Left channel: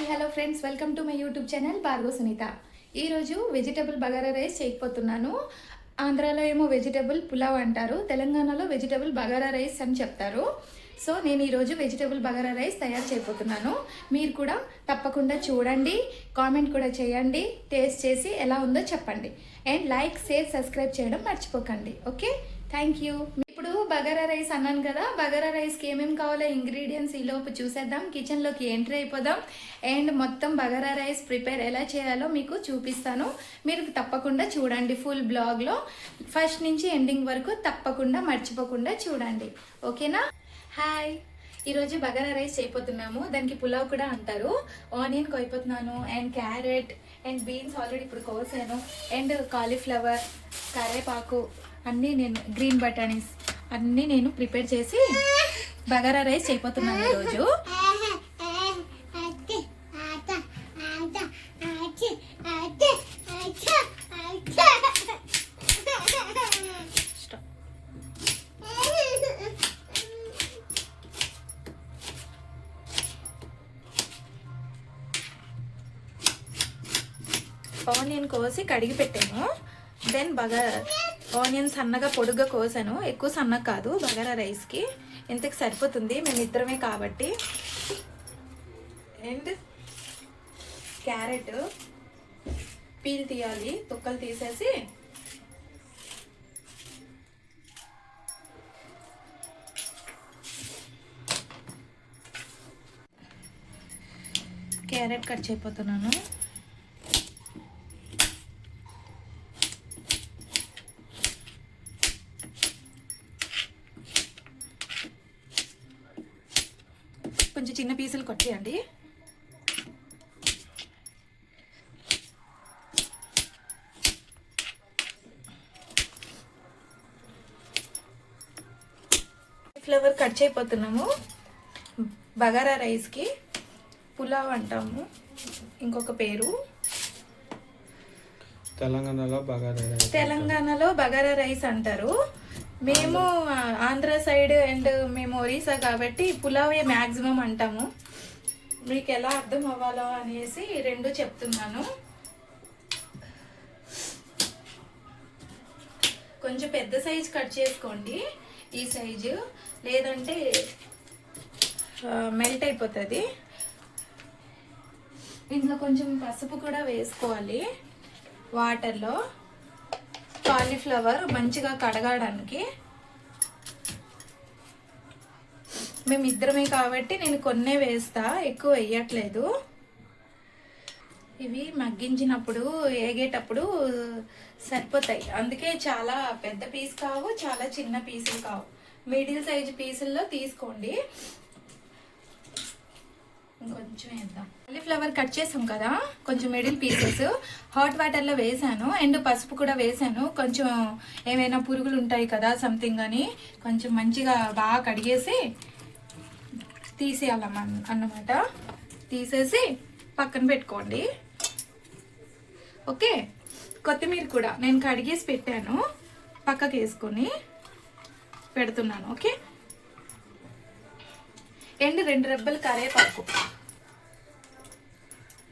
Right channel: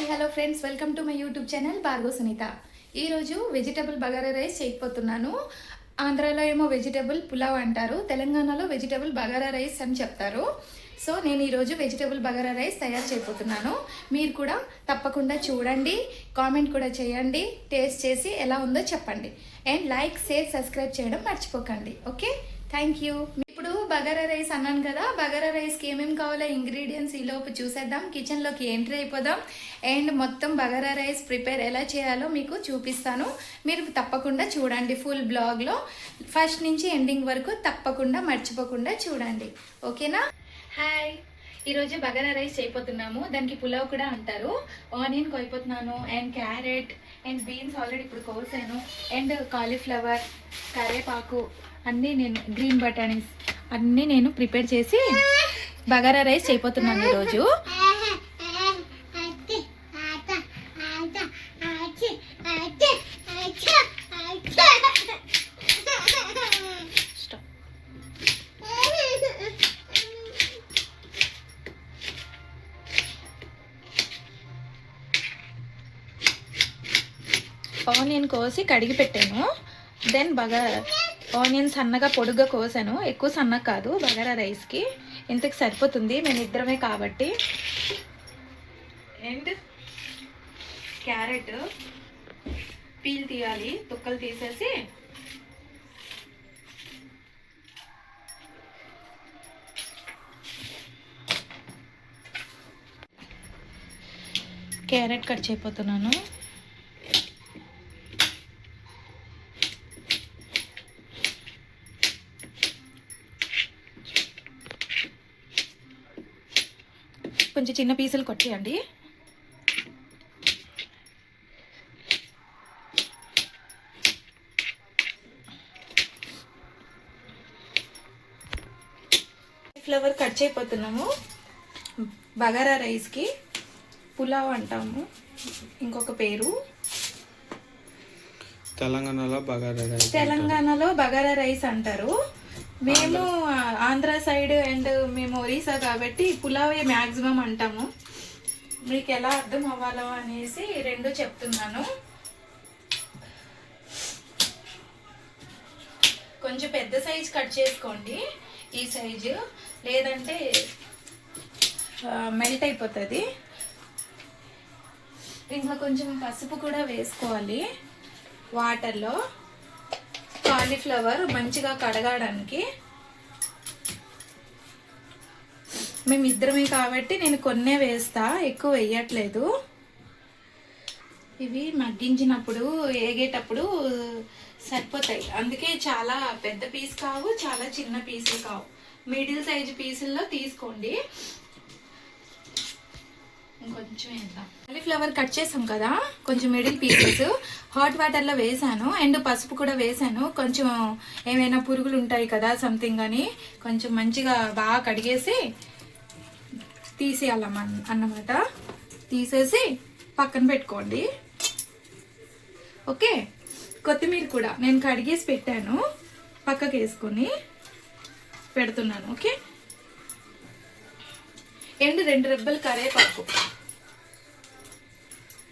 Hi hello friends, welcome to my YouTube channel Bhargav Sunitha. ఈరోజు vegetable bagara rice చేయకపోతున్నాను. ఆంధ్రాలో ఏమో vegetable pulao అంటారు, తెలంగాణలో వెజిటబుల్ బగారా రైస్ అని చెప్తారు. సో నేను ఈరోజు వెజిటబుల్ బగారా రైస్ తయారు చేయబోతున్నాను. మీరు కూడా తప్పకుండా చూడండి, కామెంట్ కూడా చేయండి, టేస్ట్ చేసి ఎలా ఉందో చెప్పండి. అండ్ లైక్, షేర్, సబ్స్క్రైబ్ చేయడం మర్చిపోకండి. Okay, thank you. ఇప్పుడు బగారా రైస్ అన్నాను కదా, బగారా రైస్కి ఏమేమి కావాలో ఇంగ్రీడియంట్స్ ఈలోపు చూసేద్దాం. కిచెన్లోకి ఎంట్రీ అయిపోదాం అండ్ మొత్తం బగారా రైస్ ప్రిపేర్ ఎలా చేయాలో మీకు చూపిస్తాను. మీరు తప్పకుండా చూడండి, ఫుల్ బ్లాగ్లో ఫస్ట్ నుంచి ఎండింగ్ వరకు తప్పకుండా మర్చిపోకుండా చూడండి. ఓకేనా? హాయ్, ఈరోజు బగారా రైస్ చేయబోతున్నాము. దానికి పులావ్ కూడా అంటారు. ఆనియన్ కోయిపోతున్నాను and carrot and beans already ఇప్పుడు కోసాను అండ్ కాలీఫ్లవర్, కరేపాకు అన్నీ నేను గ్రీన్ బటానీస్ అన్నీ నేను ప్రిపేర్ చేసి బగారా రైస్ చేయబోతున్నాను ఈరోజు. ఆనియన్ కోసి కడిగి పెట్టాను. దెన్ ఆనియన్స్ సన్నగా పొడుగ్గా కోసాను. ఎక్కువ సన్నగా కాదు, బగారా రైస్కి ఇంతకు సరిపోతుంది, మేము ఇద్దరమే కాబట్టి. అండ్ క్యారెట్ పీల్ తీయాలి, తొక్కలు తీసేసి క్యారెట్ కట్ చేయబోతున్నాను. కొంచెం చిన్న పీసులు కొట్టేయండి. ఫ్లవర్ కట్ చేయబోతున్నాము. బగారా రైస్కి పులావ్ అంటాము, ఇంకొక పేరు. తెలంగాణలో బగారా రైస్ అంటారు. మేము ఆంధ్ర సైడ్ అండ్ మేము ఒరిస్సా కాబట్టి పులావే మ్యాక్సిమం అంటాము. మీకు ఎలా అర్థం అవ్వాలో అనేసి రెండు చెప్తున్నాను. కొంచెం పెద్ద సైజ్ కట్ చేసుకోండి, ఈ సైజు, లేదంటే మెల్ట్ అయిపోతుంది. ఇందులో కొంచెం పసుపు కూడా వేసుకోవాలి వాటర్లో, కాలీఫ్లవర్ మంచిగా కడగడానికి. మేము ఇద్దరమే కాబట్టి నేను కొన్నే వేస్తా, ఎక్కువ వేయట్లేదు. ఇవి మగ్గించినప్పుడు ఏగేటప్పుడు సరిపోతాయి, అందుకే చాలా పెద్ద పీస్ కావు, చాలా చిన్న పీసులు కావు, మిడిల్ సైజ్ పీసుల్లో తీసుకోండి. ఇంకొంచెం వేద్దాం. కాలీఫ్లవర్ కట్ చేసాం కదా, కొంచెం మిడిల్ పీసెస్ హాట్ వాటర్లో వేసాను అండ్ పసుపు కూడా వేసాను. కొంచెం ఏమైనా పురుగులు ఉంటాయి కదా సంథింగ్ అని కొంచెం మంచిగా బాగా కడిగేసి తీసేయాలన్నమాట. తీసేసి పక్కన పెట్టుకోండి. ఓకే, కొత్తిమీర కూడా నేను కడిగేసి పెట్టాను, పక్కకి వేసుకొని పెడుతున్నాను. ఓకే, అండ్ 2 రెబ్బలు కరేపాకు.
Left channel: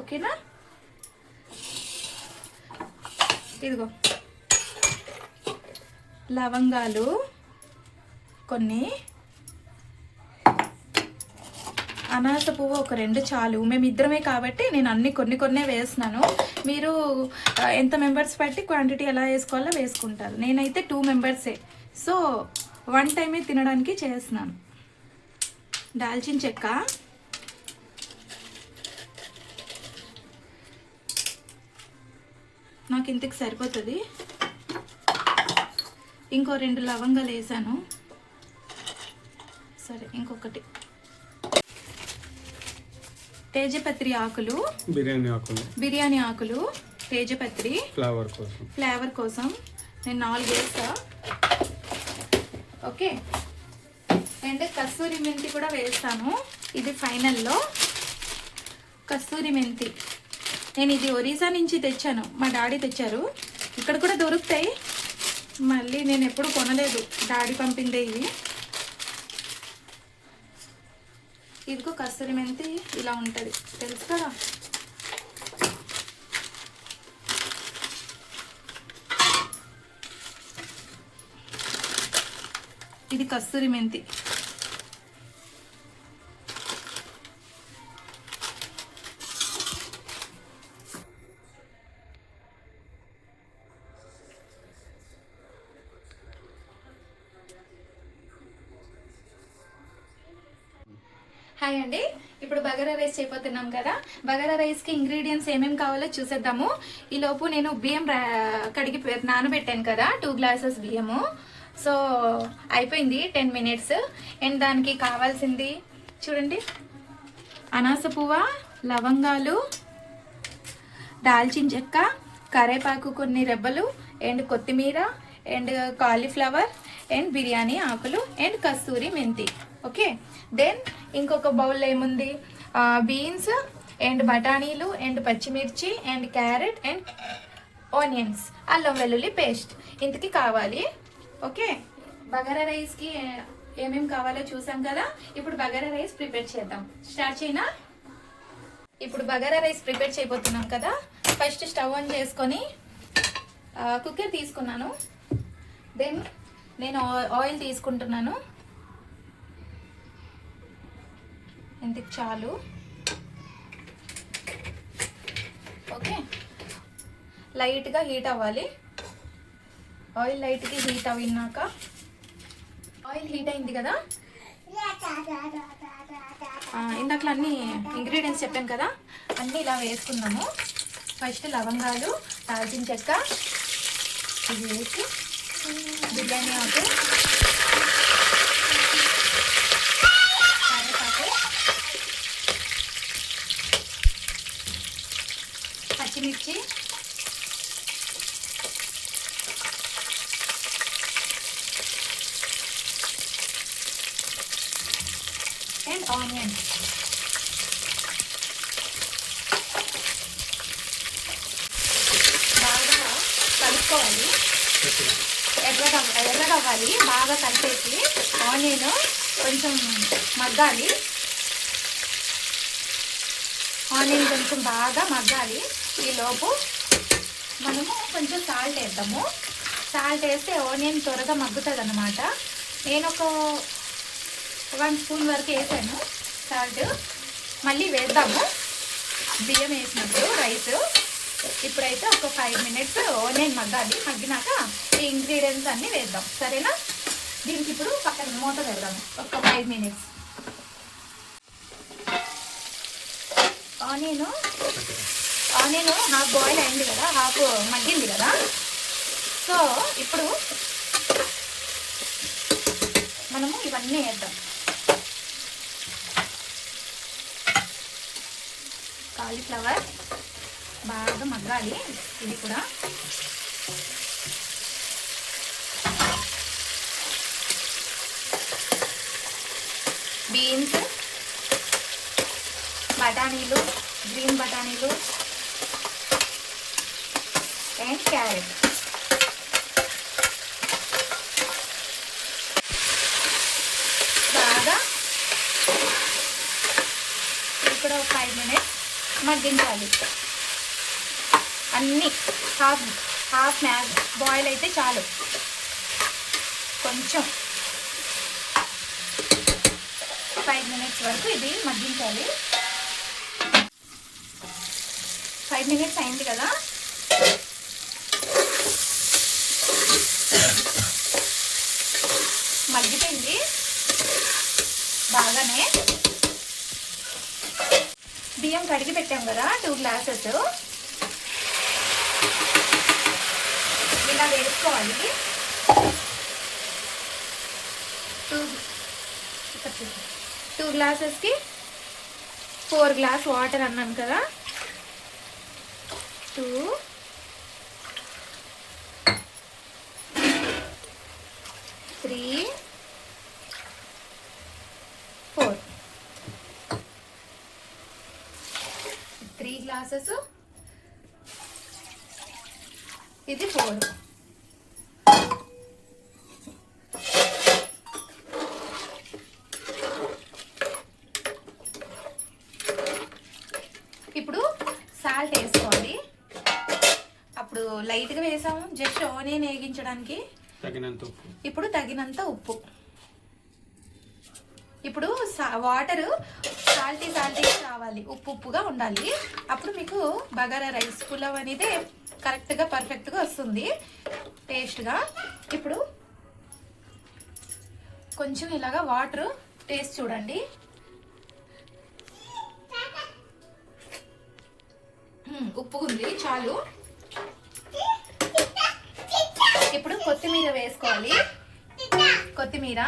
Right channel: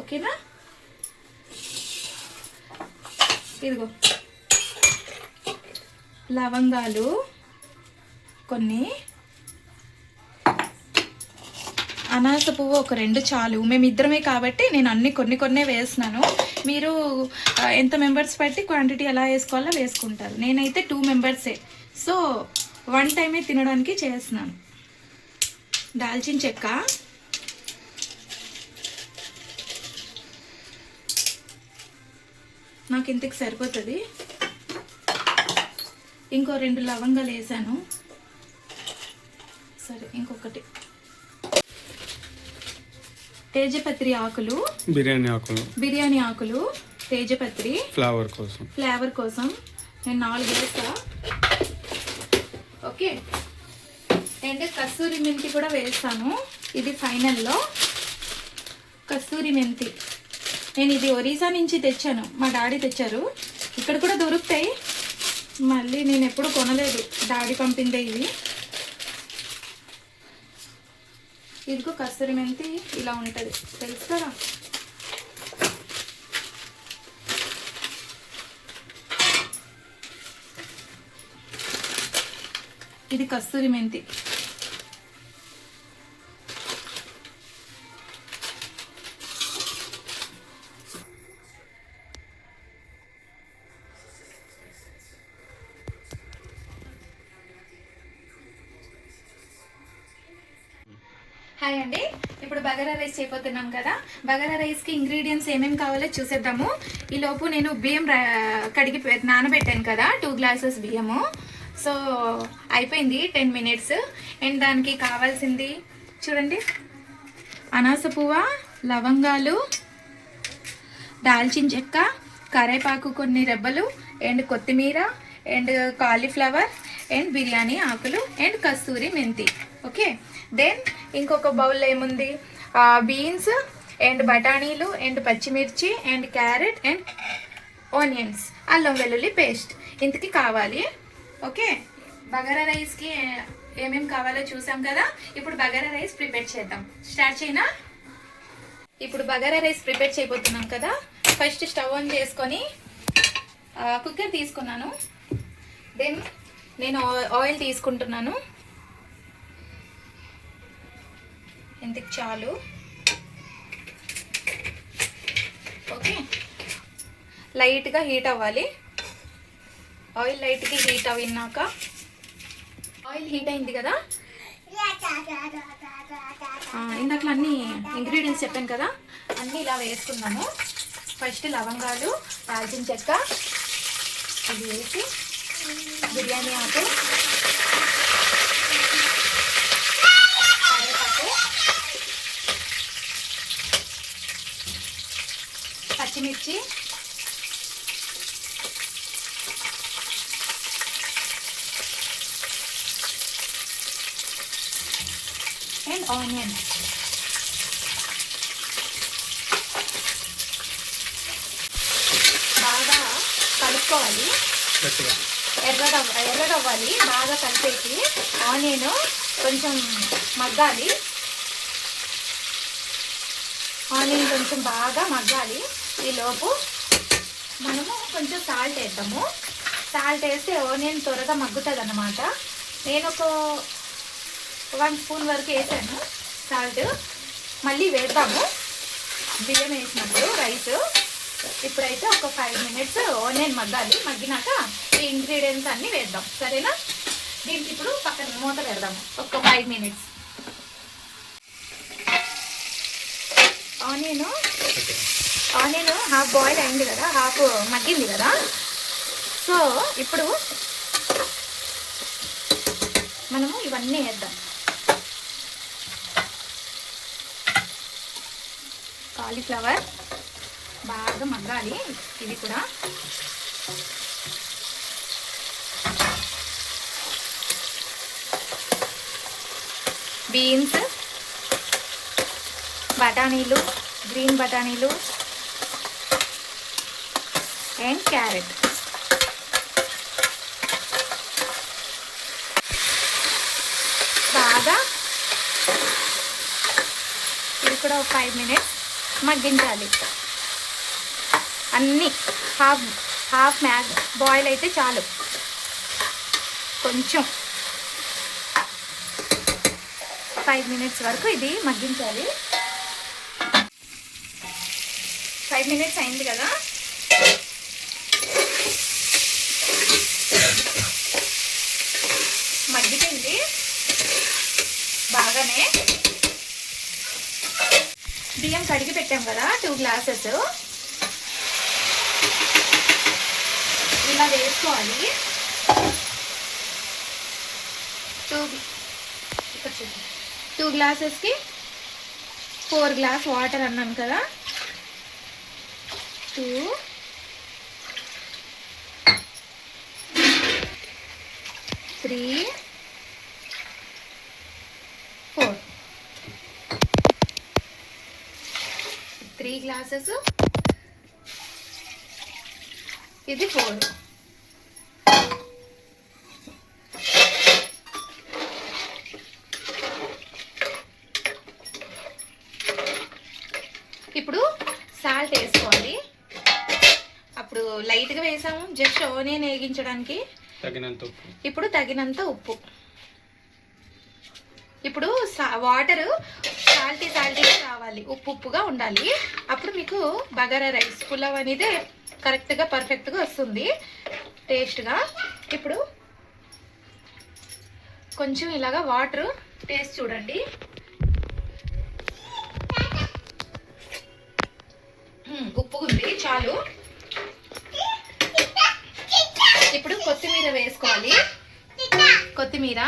ఓకేనా? ఇదిగో లవంగాలు కొన్ని, అనాస పువ్వు ఒక 2 చాలు. మేము ఇద్దరమే కాబట్టి నేను అన్ని కొన్నే వేస్తున్నాను. మీరు ఎంత మెంబర్స్ బట్టి క్వాంటిటీ ఎలా వేసుకోవాలో వేసుకుంటారు. నేనైతే 2 మెంబర్సే, సో 1 టైమే తినడానికి చేస్తున్నాను. దాల్చిన చెక్క, నాకు ఇంతకు సరిపోతుంది. ఇంకో 2 లవంగాలు వేసాను. సరే, ఇంకొకటి తేజపత్రి ఆకులు, బిర్యానీ ఆకులు, తేజపత్రి ఫ్లేవర్ కోసం నేను 4 వేస్తా. ఓకే, అండ్ కస్తూరి మెంతి కూడా వేస్తాను. ఇది ఫైనల్లో కస్తూరి మెంతి. నేను ఇది ఒరిస్సా నుంచి తెచ్చాను, మా డాడీ తెచ్చారు. ఇక్కడ కూడా దొరుకుతాయి, మళ్ళీ నేను ఎప్పుడు కొనలేదు, డాడీ పంపిందే ఇవి. ఇదిగో కస్తూరి మెంతి ఇలా ఉంటుంది, తెలుసు కదా. ఇది కస్తూరి మెంతి. హాయ్ అండి, ఇప్పుడు బగారా రైస్ చేయబోతున్నాం కదా. బగారా రైస్కి ఇంగ్రీడియంట్స్ ఏమేమి కావాలో చూసేద్దాము. ఈలోపు నేను బియ్యం కడిగి నానబెట్టాను కదా, 2 గ్లాసెస్ బియ్యము. సో అయిపోయింది 10 మినిట్స్. అండ్ దానికి కావాల్సింది చూడండి, అనాస పువ్వ, లవంగాలు, దాల్చిన చెక్క, కరేపాకు కొన్ని రెబ్బలు, అండ్ కొత్తిమీర, అండ్ కాలీఫ్లవర్, అండ్ బిర్యానీ ఆకులు, అండ్ కస్తూరి మెంతి. ఓకే, దెన్ ఇంకొక బౌల్లో ఏముంది, బీన్స్ అండ్ బఠానీలు అండ్ పచ్చిమిర్చి అండ్ క్యారెట్ అండ్ ఆనియన్స్, అల్లం వెల్లుల్లి పేస్ట్ ఇంతకి కావాలి. ఓకే, బగారా రైస్కి ఏమేమి కావాలో చూసాం కదా. ఇప్పుడు బగారా రైస్ ప్రిపేర్ చేద్దాం. స్టార్ట్ చేయనా? ఇప్పుడు బగారా రైస్ ప్రిపేర్ చేయబోతున్నాం కదా. ఫస్ట్ స్టవ్ ఆన్ చేసుకొని కుక్కర్ తీసుకున్నాను. దెన్ నేను ఆయిల్ తీసుకుంటున్నాను. ఇంతకు చాలు. ఓకే, లైట్గా హీట్ అవ్వాలి. ఆయిల్ లైట్గా హీట్ అవినాక, ఆయిల్ హీట్ అయింది కదా, ఇందాక అన్ని ఇంగ్రీడియంట్స్ చెప్పాను కదా, అన్నీ ఇలా వేసుకున్నాము. ఫస్ట్ లవంగాలు, దాల్చిన చెక్క ఇది వేసి, బిర్యానీ ఆకు, పచ్చిమిర్చి, అండ్ ఆనియన్. బాగా కలుపుకోవాలి, ఎర్రగవ్వాలి. బాగా కలిపేసి ఆనియన్ కొంచెం మగ్గాలి. ఆనియన్ కొంచెం బాగా మగ్గాలి. ఈలోపు మనము కొంచెం సాల్ట్ వేద్దాము. సాల్ట్ వేస్తే ఆనియన్ త్వరగా మగ్గుతుంది అన్నమాట. నేను ఒక 1 స్పూన్ వరకు వేసాను సాల్ట్. మళ్ళీ వేద్దాము బియ్యం వేసినప్పుడు రైస్. ఇప్పుడైతే ఒక 5 మినిట్స్ ఆనియన్ మగ్గాలి. మగ్గినాక ఈ ఇంగ్రీడియంట్స్ అన్నీ వేద్దాం, సరేనా? దీనికి ఇప్పుడు పక్కన మూత పెడదాము ఒక 5 మినిట్స్. ఆనియన్ హాఫ్ బాయిల్ అయింది కదా, హాఫ్ మగ్గింది కదా. సో ఇప్పుడు మనము ఇవన్నీ వేద్దాం. కాలీఫ్లవర్ బాగా మగ్గాలి, ఇది కూడా. బీన్స్, బఠానీలు, గ్రీన్ బఠానీలు అండ్ క్యారెట్. బాగా ఇది కూడా ఒక 5 మినిట్స్ మగ్గించాలి. అన్నీ హాఫ్ బాయిల్ అయితే చాలు. కొంచెం 5 మినిట్స్ వరకు ఇది మగ్గించాలి. 5 మినిట్స్ అయింది కదా. మగ్గిపోయింది బాగానే. బియ్యం కడిగి పెట్టాం కదా 2 గ్లాసెస్, ఇలా వేసుకోవాలి. 2 గ్లాసెస్కి 4 గ్లాస్ వాటర్ అన్నాను కదా. 2, 3, 4. 3 గ్లాసెస్, ఇది 4. ఇప్పుడు సాల్ట్ వేసుకోవాలి. అప్పుడు లైట్గా వేసాము జస్ట్ ఆనియన్ వేగించడానికి. ఇప్పుడు తగినంత ఉప్పు. ఇప్పుడు వాటర్ సాల్టీగా కావాలి, ఉప్పుగా ఉండాలి. అప్పుడు మీకు బగారా రైస్ పులావ్ అనేది కరెక్ట్గా పర్ఫెక్ట్గా వస్తుంది టేస్ట్గా. ఇప్పుడు కొంచెం ఇలాగా వాటర్ టేస్ట్ చూడండి. ఉప్పు ఉంది, చాలు. ఇప్పుడు కొత్తిమీర వేసుకోవాలి. కొత్తిమీర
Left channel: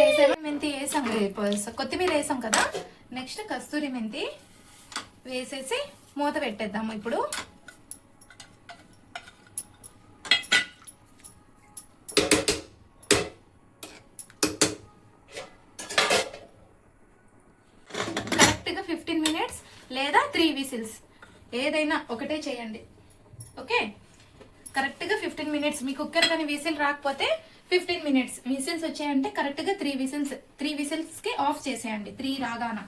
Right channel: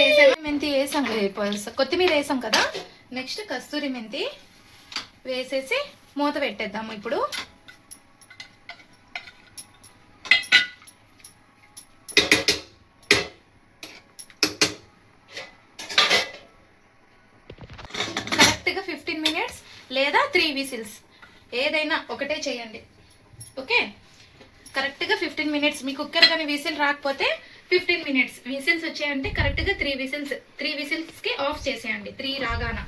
వేసాము, మెంతి వేసాం, కొత్తిమీర వేసాం కదా. నెక్స్ట్ కస్తూరి మెంతి వేసేసి మూత పెట్టేద్దాము. ఇప్పుడు కరెక్ట్గా 15 minutes లేదా 3 whistles ఏదైనా ఒకటే చేయండి. ఓకే, కరెక్ట్గా 15 minutes. మీ కుక్కర్ కానీ విసిల్ రాకపోతే 15 minutes. విసిల్స్ వచ్చాయంటే కరెక్ట్గా 3 whistles ఆఫ్ చేసేయండి. 3 రాగాన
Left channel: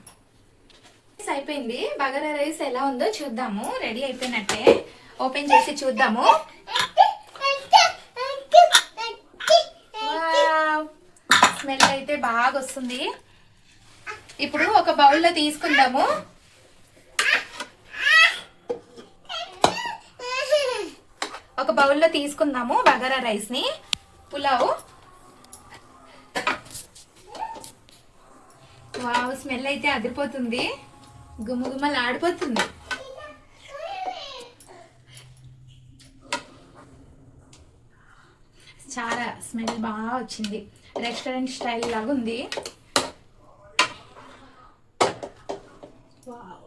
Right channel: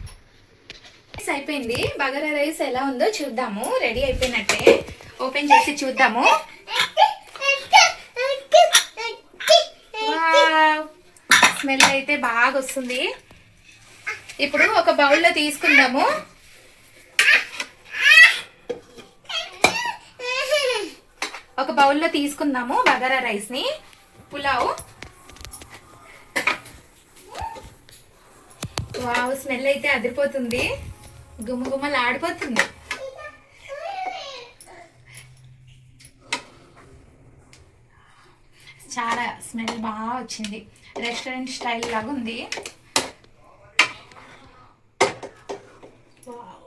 అయిపోయింది. బగారా రైస్ ఎలా ఉందో చూద్దాము. రెడీ అయిపోయినట్టే, ఓపెన్ చేసి చూద్దాము. స్మెల్ అయితే బాగా వస్తుంది. ఇప్పుడు ఒక బౌల్లో తీసుకుందాము. బగారా రైస్ ని, పులావ్. వావ్, స్మెల్ అయితే అదిరిపోతుంది, గుమ్మగుమ్మలు ఆడిపోతుంది. చాలా స్మెల్ బాగా వచ్చింది, రెస్టారెంట్ స్టైల్ లాగా ఉంది. వావ్,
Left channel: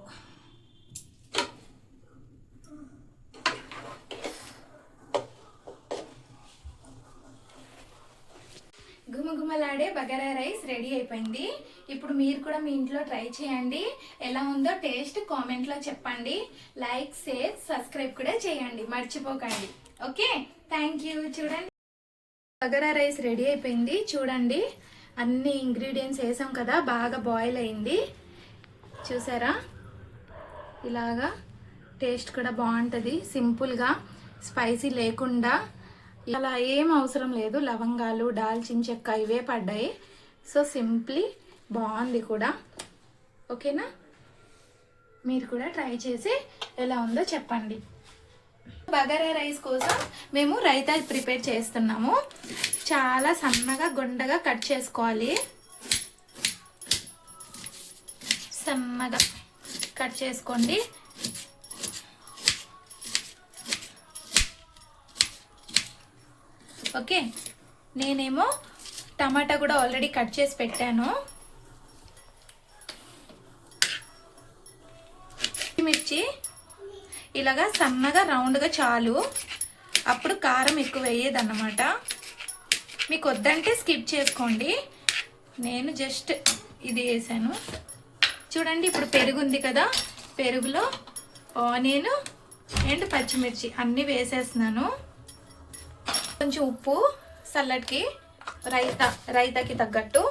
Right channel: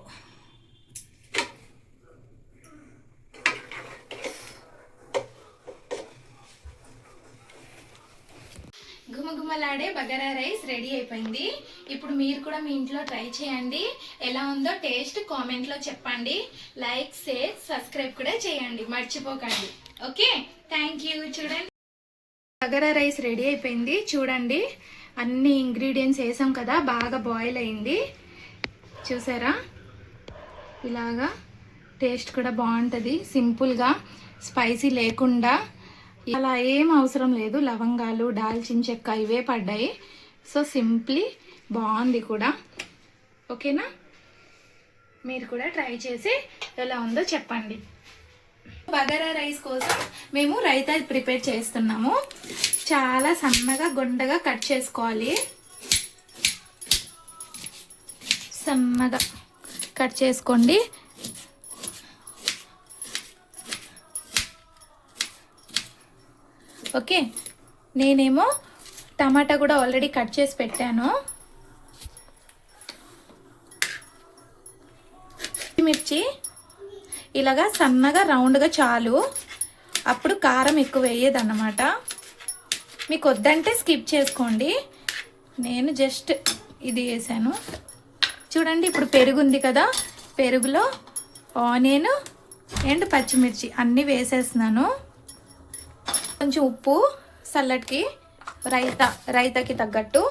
గుమగుమలాడే బగారా రైస్ రెడీ అయిపోయింది. ఇప్పుడు మీరు కూడా మీ ఇంట్లో ట్రై చేయండి. ఎలా ఉందో టేస్ట్ కామెంట్లో చెప్పండి. లైక్, షేర్, సబ్స్క్రైబ్ కూడా చేయండి, మర్చిపోకండి. Okay, thank you. చూడండి, బగారా రైస్ రెడీ అయిపోయింది. చూడండి, అన్ని ఇంగ్రీడియంట్స్ వేసాం కదా, బాగా బాయిల్ అయింది. చూసారా, ఇలాగా టేస్ట్ కూడా బాగుంటుంది. సింపుల్గా, స్పైసీ లేకుండా, అలా ఏం అవసరం లేదు. లవంగాలు, దాల్చిన చెక్క ఇవే పడ్డాయి. సో సింప్లీ బాగుంది కూడా. ఓకేనా, మీరు కూడా ట్రై చేసి ఎలా ఉందో చెప్పండి. బగారా రైస్ కోసం మేము రైతా ప్రిపేర్ చేస్తున్నాము. చాలా సన్నగా గుండగా కట్ చేసుకోవాలి. సన్నగా కట్ చేసుకోండి. ఓకే, నేనేమో టమాటా కూడా ఆల్రెడీ కట్ చేసి పెట్టాను. మిర్చి ఇలాగా సన్నగా రౌండ్గా చాలు. అప్పుడు కారం ఎక్కువ వేయదన్నమాట. మీకు వద్దంటే స్కిప్ చేసుకోండి. నేను జస్ట్ ఇది వేసాను. చూడండి, ఇప్పుడు పెరుగు ఉంది కదా, పెరుగులో ఆనియన్ అండ్ పచ్చిమిర్చి అన్నీ వేసేస్తున్నాను. కొంచెం ఉప్పు, సల్లడ్కి, రైతాకి తగ్గట్టు.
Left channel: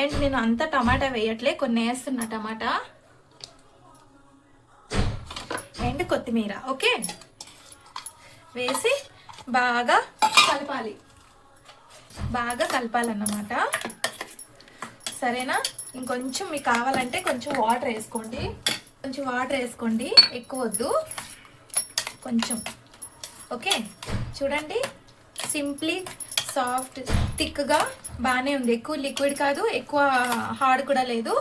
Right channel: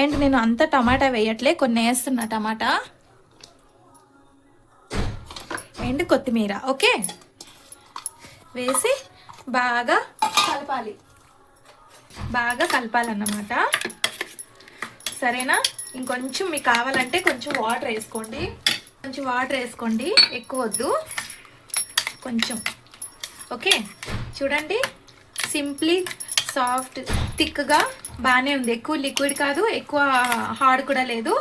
అండ్ నేను అంత టమాటా వేయట్లే, కొన్ని వేస్తున్నా టమాటా అండ్ కొత్తిమీర. ఓకే, వేసి బాగా కలపాలన్నమాట. సరేనా, ఇంకొంచెం మీకు కావాలంటే కొంచెం వాటర్ వేసుకోండి, ఎక్కువ వద్దు, కొంచెం. ఓకే, చూడండి, సింప్లీ సాఫ్ట్ థిక్గా బాగానే ఉంది. ఎక్కువ లిక్విడ్ కాదు, ఎక్కువ హార్డ్ కూడా లేదు.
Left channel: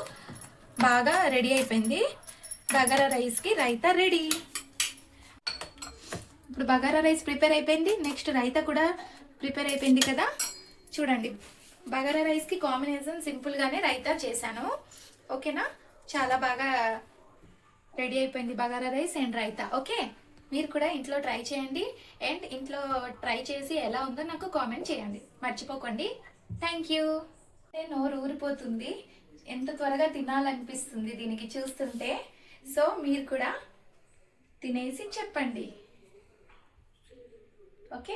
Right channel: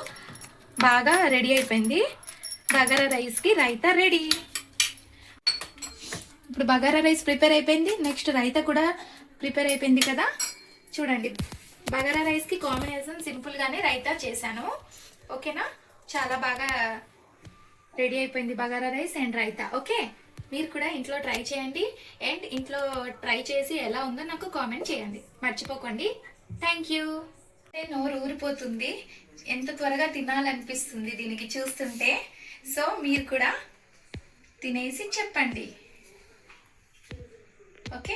బాగా రెడీ అయిపోయింది. బగారా రైస్కి రైతా రెడీ. ఇప్పుడు బగారా రైస్ ప్రిపేర్ అయిపోయింది. నెక్స్ట్ రైతా కూడా ప్రిపేర్ అయిపోయింది కదా. చూడండి, బగారా రైస్కి కాంబినేషన్ సింపుల్గానే రైతా చేశాను. ఓకేనా, చాలా బాగా రెడీ అయిపోయింది bagara rice and raita. Okay, మీరు కూడా ఇంట్లో ట్రై చేయండి. అండ్ ఇంట్లో ట్రై చేసి ఎలా ఉందో నాకు కామెంట్ చేయండి, మర్చిపోకండి. Thank you. నోరు ఊరిపోతుంది, ఎంత త్వరగా తినాలనిపిస్తుంది దీనికి చూస్తుంటే. సో మీరు కూడా తినేసి చెప్పండి. ఓకే.